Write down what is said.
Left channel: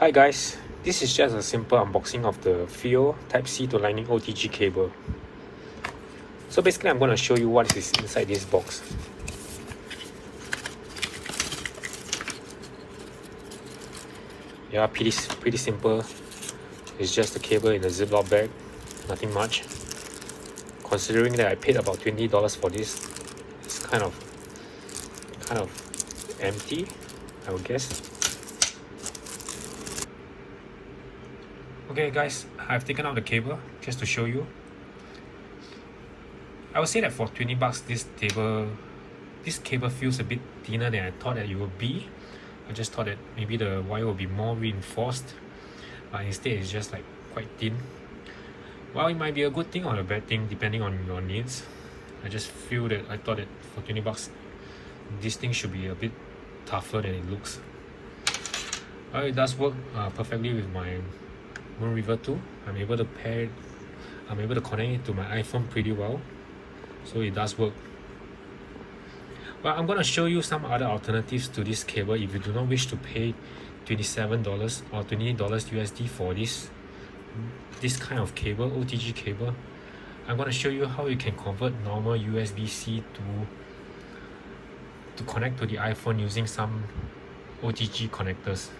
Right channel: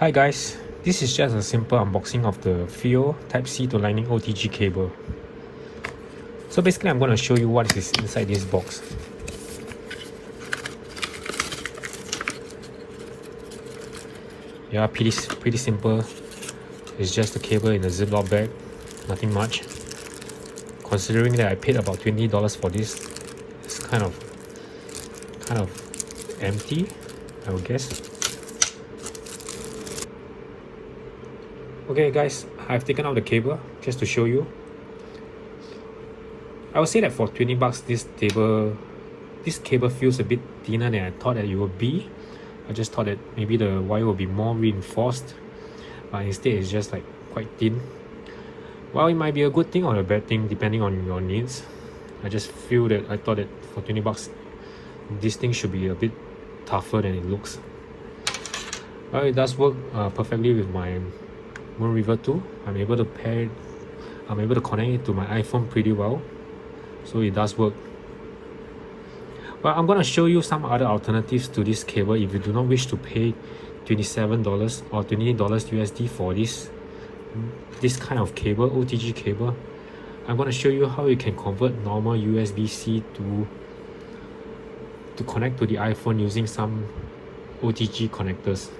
Hi guys, this is just a simple unboxing of the FiiO Type-C to Lightning OTG cable. So basically I'm going to show you what is inside this box. Yeah, pretty simple. It's just a cable in a Ziploc bag, nothing much. Considering that I paid about $20 for this, it's kind of empty, I would guess. Okay guys, I've taken out the cable just to show you. I would say that for 20 bucks this cable feels a bit thinner than I thought that it would be. I just thought that maybe the wire will be more reinforced, but instead it's just like quite thin. Well, it might be a good thing or a bad thing depending on your needs. I thought that for 20 bucks this thing should be a bit tougher than it looks. Well, it does work perfectly with my Moon River 2. I'm able to connect it to my iPhone pretty well, so it does work. But I'm gonna show you some other alternatives to this cable if you do not wish to pay $27 or $28 USD for this kind of cable, OTG cable. I'm gonna show you how you can convert normal USB-C to connect to the iPhone using some OTG connectors.